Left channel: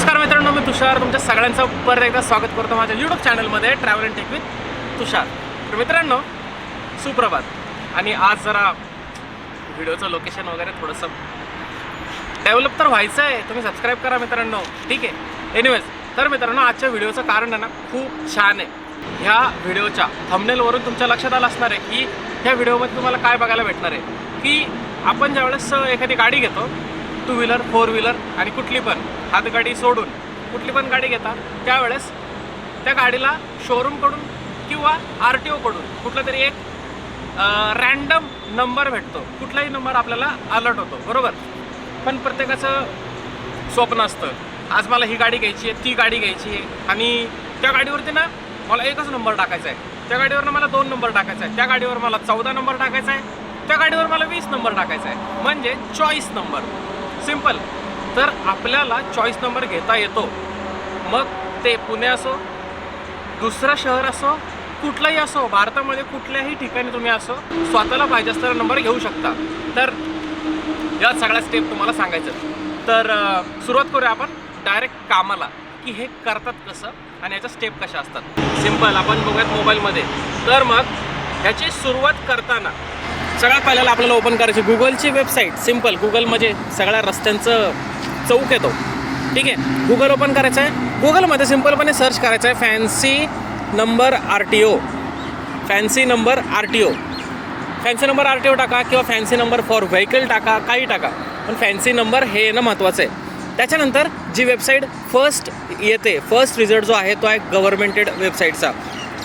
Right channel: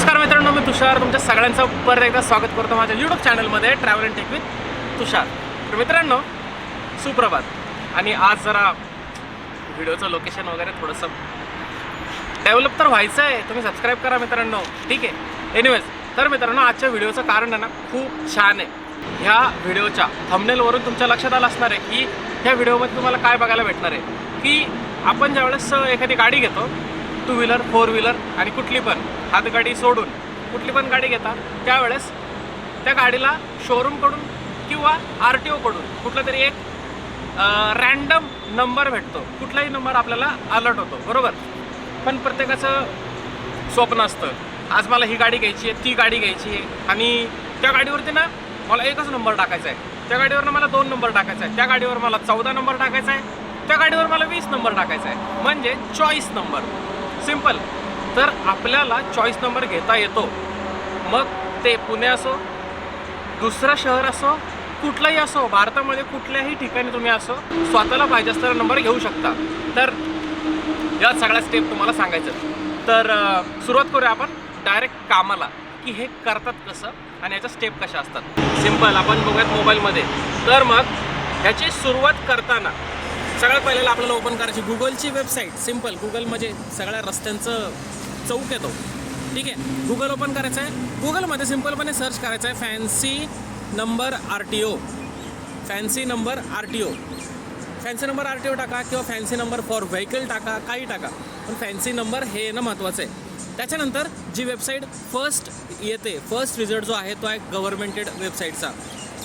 नमस्कार मित्रांनो, मी तुषार तुमच्या सगळ्यांचं परत एकदा स्वागत करतो माझ्या यूट्यूब चॅनलमध्ये ट्रॅव्हल अँड टेक विथ तुषार. तर मित्रांनो, सुप्रभात. आणि आज जरा व्हिडिओचं लोकेशन वगैरे थोडंसं डेव्हलप तर व्हायचं आहे. तुम्ही सबस्क्राईब करा मित्रांनो, ठीक आहे. एनिवेज, तर मित्रांनो, आजच्या व्हिडिओचं कारण आहे ना खूप छान आहे. ह्या व्हिडिओच्या थंबनेलवरून तुमच्या लक्षात आलं असणार आहे की ह्या व्हिडिओमध्ये तुम्हाला काय बघायला भेटणार आहे. की आपण ज्यावेळेस एखादी गाडी घेतो, टू व्हीलर, फोर व्हीलर आणि कुठली पण हातगाडी सोडून कुठली पण गाडी घेता, त्यावेळेस त्या गाडीला शोरूमकडून किंवा RTOकडून कुठला तरी एक रँडम नंबर भेटतो. कुठलाही नंबर आपल्याला अलर्ट होतो, बरोबर. पण प्रत्येकाचं स्वप्न असतं, आज मला ही गाडी घ्यायची आहे, ती गाडी घ्यायची आहे, आणि त्या गाडीवरती ना मला एकच नंबर टाकायचा आहे, त्या गाडीवर मला 2 नंबर टाकायचा आहे, त्या गाडीवर मला 14 नंबर टाकायचा आहे, त्या गाडीवर मला 20 नंबर टाकायचा आहे, म्हणजे चॉईस नंबर. सिम्पल. तर आपल्याला चॉईस नंबर घेता येतो. मग ते पुणे असो, दुसरं शहर असो, कुठलंही असो, भारतामध्ये कुठल्याही ठिकाणी तुम्ही असो, स्वतःला पाहिजे असलेला नंबर घेऊ शकता. तर या सगळ्या स्टेप तुम्हाला सांगायचं. तर सुरुवात करूया आपण डायरेक्ट कामाला, की हे करतात कसं आणि याच्या स्टेप कशा असतात. सिम्पल. आपण बघूयात मोबाईलमध्ये. तर मग ह्याची सुरुवात करताना सगळ्यात पहिल्याला आपल्याला ओपन करायची गुगलची वेबसाईट. सिम्पल. गुगल म्हणजे सगळ्या रस्त्यांचं चौक येतो, ठीक आहे. गुगल ओपन करायचं आहे. गुगलमध्ये सिम्पलपणे सर्च करायचं आहे fancy number RTO. Fancy number RTO. Fancy number RTO टाका किंवा फॅन्सी नंबर फॉर व्हेकल टाका, काही टाका, पण फॅन्सी नंबर हे येणं महत्त्वाचं आहे. त्याच्यानंतर जी वेबसाईट फर्स्ट येते, फर्स्ट रिझल्ट जो आहे तो आहे गव्हर्मेंटेड वेबसाईटचा,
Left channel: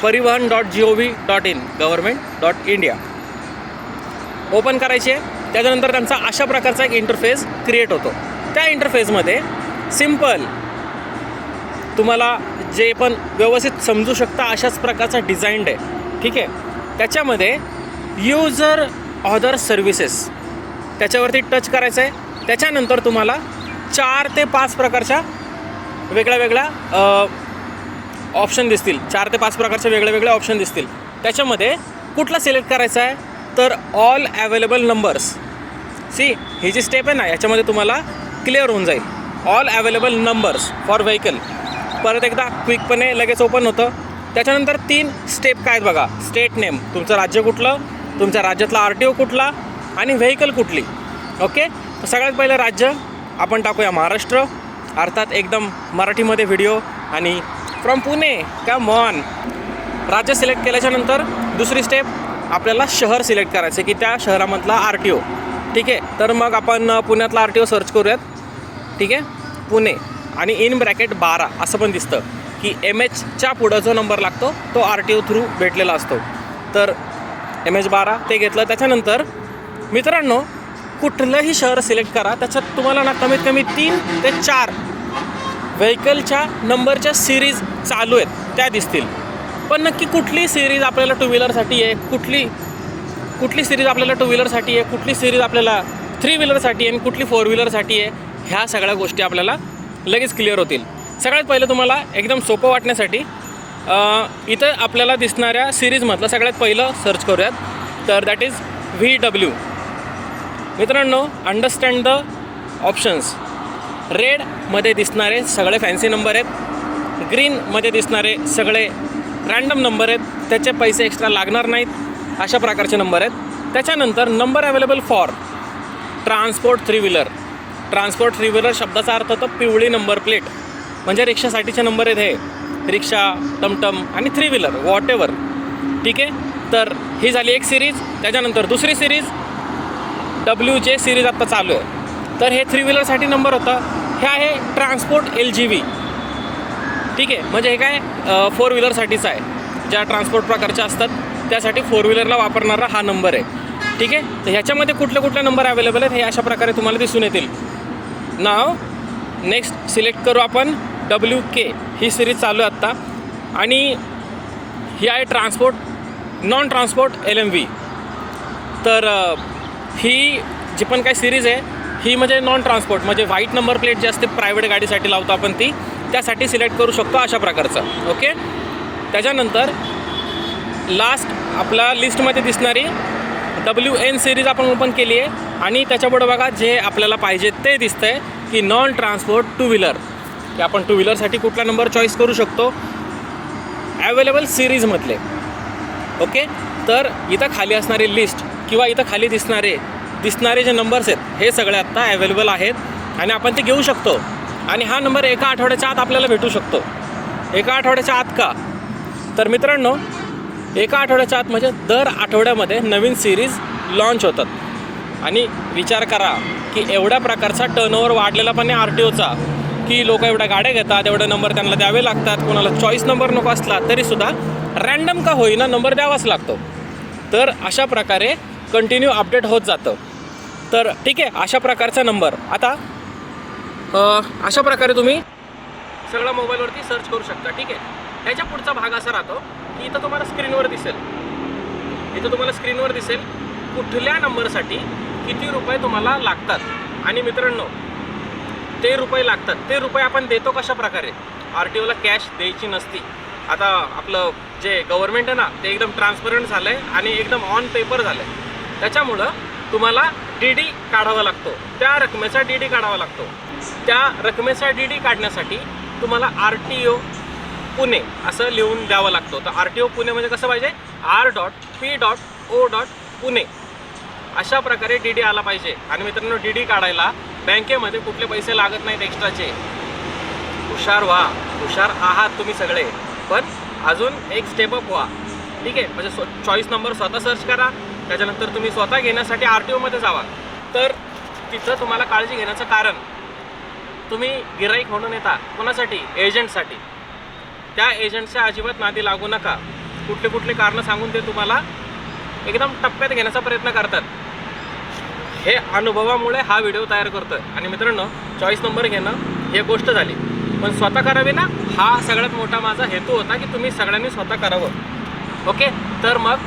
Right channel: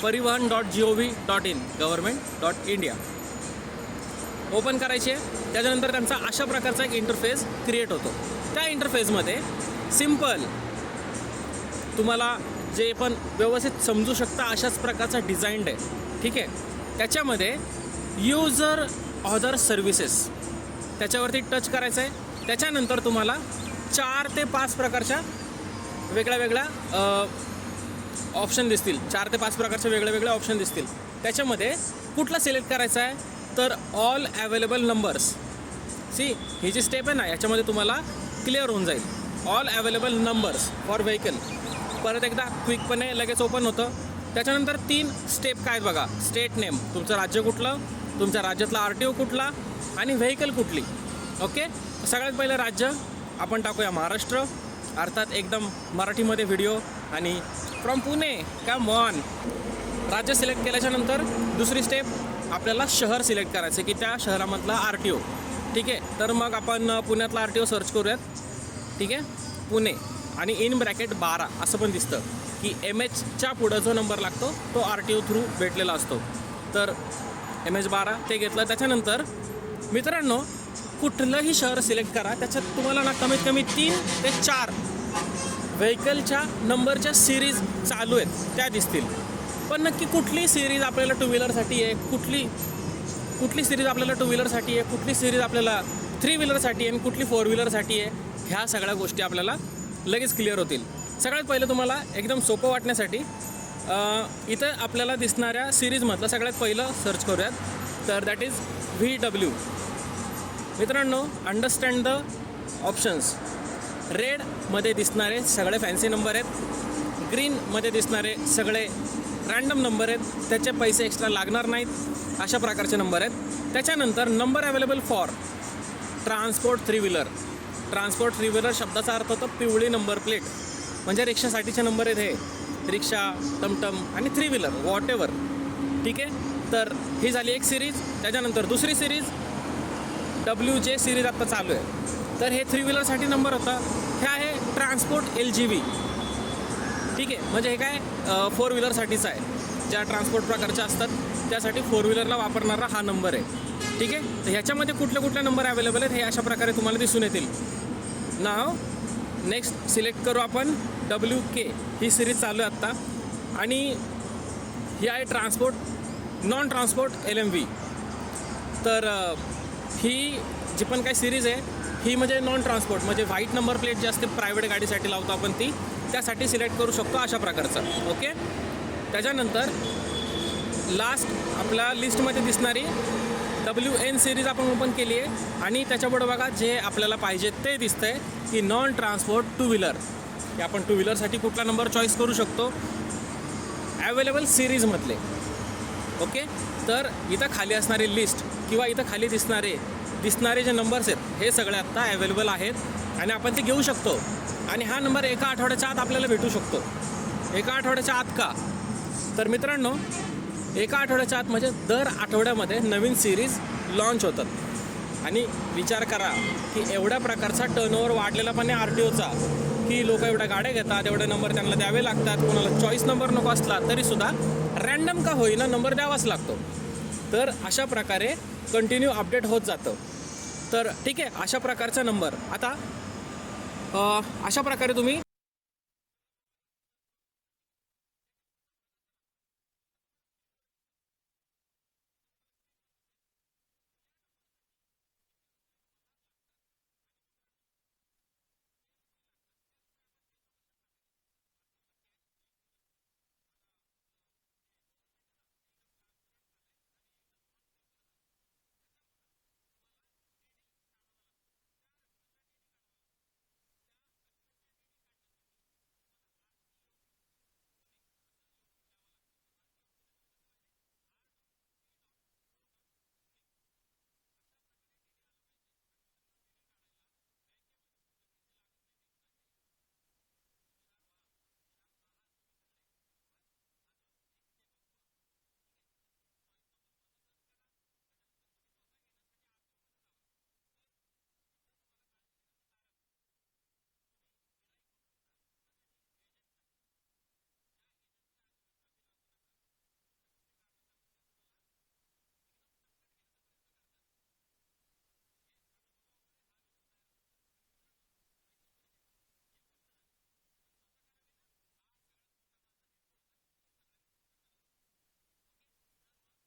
परिवहन.gov.in, गव्हर्मेंट.इंडिया. ओपन करायची आहे. त्याच्यानंतर त्यांचा अशा प्रकारचा एक इंटरफेस क्रिएट होतो. त्या इंटरफेसमध्ये सिम्पल तुम्हाला जे पण व्यवस्थित समजू शकता अशाच प्रकारचा डिझाईन्ड आहे, ठीक आहे. त्याच्यामध्ये युजर ऑदर सर्व्हिसेस त्याच्यावरती टच करायचं आहे. त्याच्यानंतर तुम्हाला 4 ते 5 प्रकारच्या वेगळ्या ऑप्शन दिसतील. 4 ते 5 प्रकारचे वेगळे ऑप्शन दिसतील. त्याच्यामध्ये कुठला सिलेक्ट करायचा आहे, तर ऑल अवेलेबल नंबर्स. ही जी स्टेप आहे ना, याच्यामध्ये तुम्हाला क्लिअर होऊन जाईल. All available numbers for vehicle. परत एकदा क्विकपणे लगेच ओपन होतं. त्याच्यानंतर 3 स्टेप काय आहेत बघा. स्टेट नेम, तुमचं राज्य कुठलं, तुमच्या राज्यातला RTO कुठला आणि व्हेकल कुठली. ओके. तर सगळ्यात पहिलं राज्य आपण टाकूया महाराष्ट्र, अर्थात एकदम मराठीमध्ये व्हिडिओ, आणि फ्रॉम पुणे, कम ऑन. राज्य सिलेक्ट केल्याच्यानंतर दुसरी स्टेप आपल्याला शहर सिलेक्ट करायचं आहे की त्या शहरामधला RTO, ठीक आहे. तर मग आपण पुण्यातला RTO सर्च करूयात, ठीक आहे. पुणे, आणि इन ब्रॅकेट 12 असं पण दिसतं की MHच्या पुढं जो नंबर लागतो तो RTO थ्रू भेटलेला असतो. तर MH12 ते घेतलं. त्याच्यानंतर मित्रांनो, कुठलंही शहर सिलेक्ट करा, त्याच्यात तुम्हाला ना कमीत कमी 3 ते 4 व्हेकलच्या नंबरच्या सिरीज चालू आहेत त्या दिसतील. पण नक्की कुठली सिरीज आपल्याला टू व्हीलरसाठी आहे, कुठली सिरीज आपल्याला टू व्हीलरसाठी आहे, कुठली सिरीज आपल्याला 3 व्हीलरसाठी आहे, आणि कुठली 4 व्हीलरसाठी आहे, ह्या सगळ्या गोष्टी आपल्याला लगेच क्लिअर होतील. सगळ्यात पहिलं तुम्हाला एकदम सोपं वाटण्यासाठी इथं आपल्याला दिसणाऱ्या सिरीजमधलं सगळ्यात पहिलं सर्च करूयात. तर दॅट इज VW. मित्रांनो, अंडरस्टँड द ऑप्शन्स. रेडमध्ये दिसणारे सगळे फॅन्सी नंबर आहेत, ग्रीनमध्ये दिसणारे सगळे रँडम नंबर आहेत, त्याचे पैसे एक्स्ट्रा लागणार नाहीत, अशा प्रकारचे नंबर आहेत. त्याच्यानंतर number available for transport 3 wheeler. Transport 3 wheeler शब्दाचा अर्थ होतो पिवळी नंबर प्लेट, म्हणजे रिक्षासाठीचे नंबर आहेत हे. रिक्षा, टमटम आणि 3 व्हीलर वॉट एव्हर, ठीक आहे. तर ही झाली एक सिरीज. त्याच्यानंतर दुसरी सिरीज WJ सिरीज आत्ता चालू आहे. तर हे 3 व्हीलरसाठी नंबर होता. हे आहे ट्रान्सपोर्ट LGV, ठीक आहे. म्हणजे हे काय 4 व्हीलरसाठीच आहे. ज्या ट्रान्सपोर्ट प्रकारच्या असतात त्यासाठी 4 व्हीलरला वापरणारा हा नंबर आहे, ठीक आहे. तर ह्याच्यामध्ये कुठले नंबर अवेलेबल आहेत हे अशा प्रकारे तुम्हाला दिसून येतील. नाव नेक्स्ट सिलेक्ट करू आपण WK. ही सिरीज चालू आहे आत्ता, आणि ही आहे ट्रान्सपोर्ट नॉन ट्रान्सपोर्ट LMV. तर ही जी पण काही सिरीज आहे ही म्हणजे नॉन ट्रान्सपोर्ट, म्हणजे व्हाईट नंबर प्लेट जी असते प्रायव्हेट गाडीसाठी लावतो आपण, ती त्यासाठी सिलेक्ट करू शकतो अशा प्रकारचं. ओके. त्याच्यानंतर लास्ट आपल्या लिस्टमध्ये दिसणारी WN सिरीज आपण ओपन केली आहे, आणि त्याच्यापुढं बघा जे आपल्याला पाहिजे ते दिसतंय की नॉन ट्रान्सपोर्ट 2 व्हीलर. की आपण टू व्हीलरसाठी कुठला नंबर चॉईस करू शकतो, ॲवेलेबल सिरीजमधले. ओके, तर इथं खाली असणारी लिस्ट किंवा इथं खाली दिसणारे जे नंबर्स आहेत हे सगळे आत्ता अवेलेबल आहेत आणि आपण ते घेऊ शकतो. आणि हा नंबर एका आठवड्याच्या आत आपल्याला भेटू शकतो. एका आठवड्याच्या आत का? तर मित्रांनो, एका आठवड्याच्या आत म्हणजे दर आठवड्यामध्ये नवीन सिरीज लॉन्च होतात. आणि विचार करा की एवढ्या प्रकारचा टर्नओव्हर वाढलेला पण आहे RTOचा, की लोक एवढ्या गाड्या घेतात, एवढे नंबर त्यांना द्यावे लागतात. कोणाला चॉईस नंबर नको असला तरीसुद्धा रँडम का होईना नंबर द्यावाच लागतो. तर अशा प्रकारे कंटिन्यू अपडेट होत जातं. तर ठीक आहे, अशा प्रकारचा नंबर आता अशा प्रकारे तुम्ही सगळं मोबाईलवरती सर्च करू शकता. ठीक आहे, ह्याच्या पुढचा भाग असा राहतो की इथं तुम्हाला स्क्रीनवर दिसेल कुठल्या नंबरसाठी किती रुपये तुम्हाला लागतात. आणि मित्रांनो, ते रुपये आपण देतो कशा प्रकारे? RTOला कॅश द्यायची नसती. आता आपलं जे गव्हर्नमेंट आहे ना, ते एकदम ट्रान्सपरंट झालं आहे आणि एकदम ऑन पेपर झालं आहे. त्याच्यामुळं तुम्हाला DD काढावा लागतो, त्या रकमेचा DD काढावा लागतो. त्या रकमेचा DD काढण्यासाठी तुम्हाला RTO पुणे असं लिहून द्यावं लागतो. तर RTO पुणे म्हणजे कसं पाहिजे? R.P.O. पुणे अशा प्रकारे DD आला पाहिजे. आणि मित्रांनो, DD काढायला बँकेमध्ये कुठले पैसे लागत नाहीत एक्स्ट्राचे. हुशार आहात तुम्ही सगळे, पण अजून एक स्टेप अप व्हा. ठीक आहे, म्हणजे चॉईस नंबर स्वतः सर्च करा, त्याच्यानंतर तुम्ही स्वतः घेण्यासाठी RTOमध्ये जावा. तर तिथं तुम्हाला काळजी घेण्याचं कारण, तुम्ही गिराईक म्हणून येता कोणासाठी? एजंटसाठी. त्या एजंटच्या अजिबात नादी लागू नका. कुठले कारणं सांगून ते तुम्हाला एकदम टप्प्यात घेण्याचा प्रयत्न करतात. हे अनुभवामुळे हा व्हिडिओ तयार करतोय. आणि मित्रांनो, चॉईस नंबर घेणं ही गोष्ट झाली, पण स्वतः करावी ना, हा सगळ्यात मोठा माझा हेतू होता की तुम्ही सगळ्यांनी स्वतः करावं. ओके, तर मग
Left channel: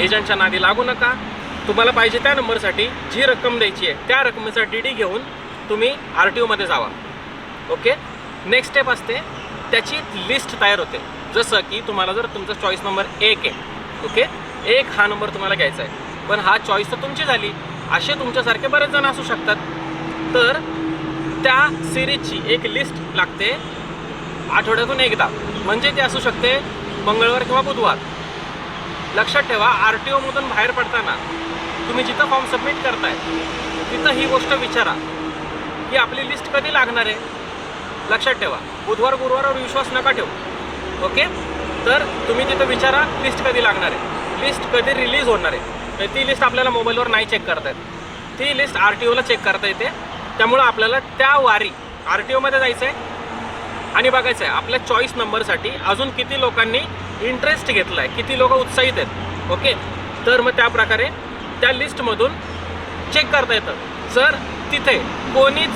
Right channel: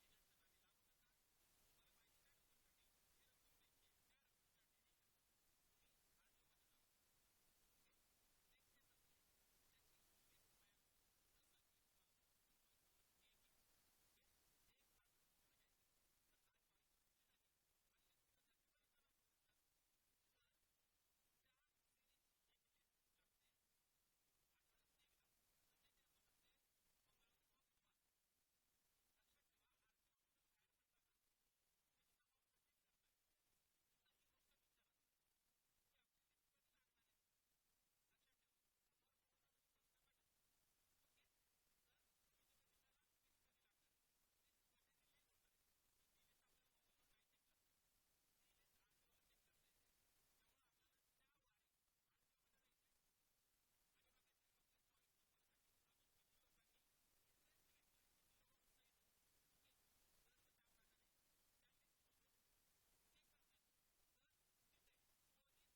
एजंटच्या नादी लागू नका. तुम्हाला पाहिजे त्या नंबरसाठी जी रक्कम द्यायची आहे त्या रकमेचा DD घेऊन तुम्ही RTOमध्ये जावा. ओके, नेक्स्ट स्टेप असते, त्याची लिस्ट तयार होते. जसं की तुम्हाला जर तुमचा चॉईस नंबर 1 आहे, ओके, 1 हा नंबर तुम्हाला घ्यायचा आहे, पण हा चॉईस तर तुमची झाली. असे तुमच्यासारखे बरेच जण असू शकतात. तर त्या सिरीजची एक लिस्ट लागते आठवड्यातून एकदा, म्हणजे ती असू शकते मंगळवार किंवा बुधवार. लक्षात ठेवा, RTOमधून बाहेर पडताना तुम्ही जिथं फॉर्म सबमिट करताय तिथं ही गोष्ट विचारा की आपली लिस्ट कधी लागणार आहे. लक्षात ठेवा, बुधवार गुरुवारवर विश्वास नका ठेवू. ओके, तर तुम्ही तिथं विचारा लिस्ट कधी लागणार आहे, लिस्ट कधी रिलीज होणार आहे. ती लिस्ट आपल्याला मोबाईलवर नाही चेक करता येत, ती लिस्ट RTOला चेक करता येते. त्यामुळं आपल्याला त्या वारी RTOमध्ये जायचं आहे आणि बघायचं आहे आपल्या चॉईस नंबरसाठी अजून किती लोकांनी इंटरेस्ट घेतला आहे, किती लोक उत्साहित आहेत. ओके, तर मग त्या प्रकारे त्या लिस्टमधून चेक करता येतं. जर तिथे कोणीच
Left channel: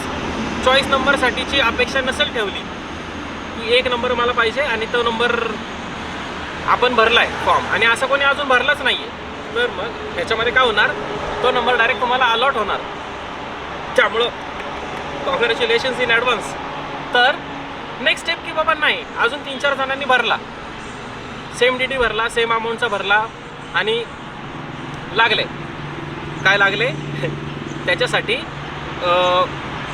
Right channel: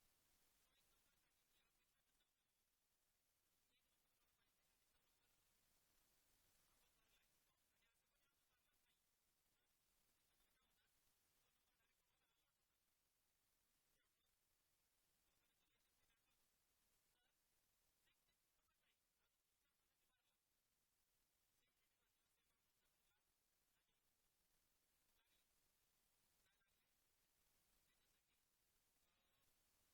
चॉईस नंबरसाठीची अपेक्षा नसेल ठेवली की 1 नंबर मला पाहिजे आणि तो नंबर आपण भरला आहे फॉर्म आणि असं कोणी अजून भरलाच नाही आहे, तर मग ह्याच्यामध्ये काय होणार, तो नंबर डायरेक्ट तुम्हाला अलॉट होणार. त्यामुळं कॉंग्रॅच्युलेशन्स इन ॲडव्हान्स. तर नेक्स्ट स्टेप की बाबा नाही, अजून 3-4 जणांनी भरला, सेम DD भरला, सेम अमाऊंटचा भरला आणि लागले त्याच्यासाठी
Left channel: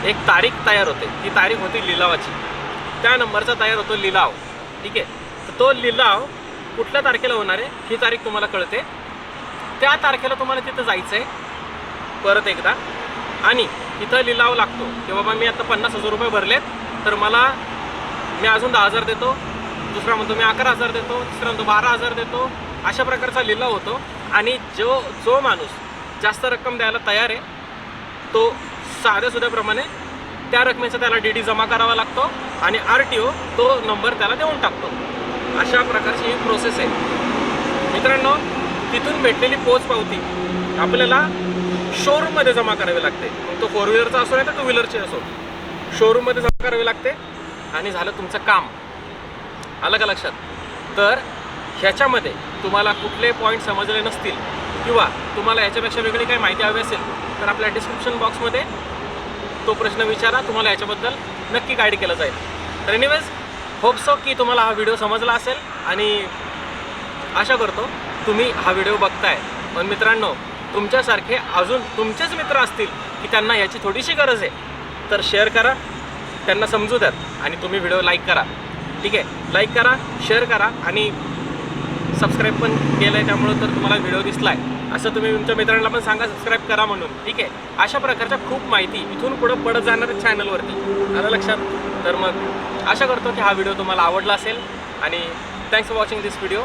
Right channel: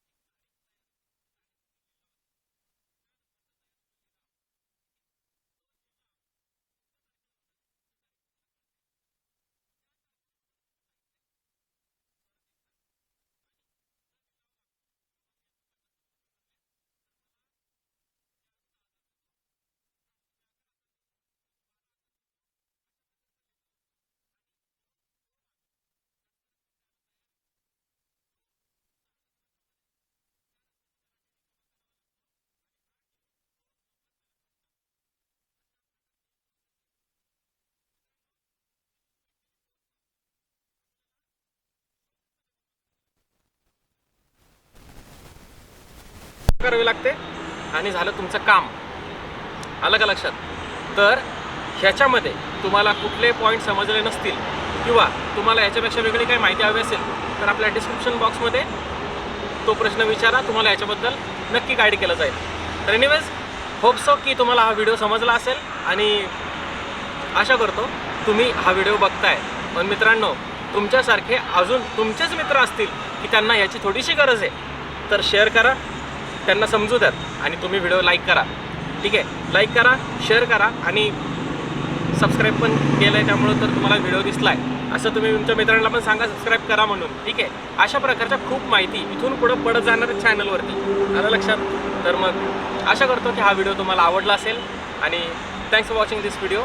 एक तारीख तयार होते. ती तारीख होती लिलावाची. त्या नंबरचा तयार होतो लिलाव. ठीक आहे, तर तो लिलाव कुठल्या तारखेला होणार आहे ही तारीख तुम्हाला कळते. त्या तारखेला तुम्हाला तिथं जायचं आहे परत एकदा आणि तिथं लिलाव लागतो की बाबा मी आता 50,000 रुपये भरलेत, तर मी अजून 10,000 देतो. दुसरा म्हणतो मी 11,000 देतो. तिसरा म्हणतो 12,000 देतो. अशा प्रकारचा लिलाव होतो. आणि जो माणूस जास्त रक्कम द्यायला तयार आहे तो साध्यासुध्याप्रमाणे त्या रकमेचा त्याला DD जमा करावा लागतो आणि RTO तो नंबर त्याला देऊन टाकतो. अशा प्रकारची ही प्रोसेस आहे मित्रांनो. तिथून भेटलेली पोचपावती आपल्याला शोरूममध्ये जमा करावी लागते. मग तो 4 व्हीलरचा असो नाही तर 2 व्हीलरचे असो, शोरूममध्ये जमा करावी लागते आणि झालं तुमचं काम. आलं का लक्षात? तर ह्याच्यामध्ये तुम्हाला कुठले पॉईंट समजले नसतील किंवा तुम्हाला ह्याच्यापेक्षा वेगळी काही माहिती हवी असेल तर आपल्या डिस्क्रिप्शन बॉक्समध्ये तो प्रश्न विचारा, तुम्हाला याच्याबद्दल नक्की गाईड केलं जाईल. तर एनिवेज, होप सो की तुम्हाला हा व्हिडिओ समजला असेल आणि आशा करतो तुम्ही हा व्हिडिओ बघताय. पण मित्रांनो, तुमच्यासारखे अजून तुमचेच मित्र असतील की त्यांना याची थोडीशी गरज आहे, तर शेअर करा, त्यांना समजू द्यात आणि तुम्ही व्हिडिओ लाईक करा. ठीक आहे, लाईक करा, शेअर करा आणि सबस्क्राईब पण केलं आहे, त्यामुळं तर तुम्हाला व्हिडिओ दिसला आहे असं तुम्ही तुमच्या मित्रांना पण सांगा सबस्क्राईब करा म्हणून. ठीक आहे, अशा प्रकारच्या खूप माहिती इथून पुढं पडत जाणार चॅनलवरती, आलं लक्षात. तर मग आशा करतो की हा व्हिडिओ तुम्हाला आवडला असेल आणि thanks for watching this video.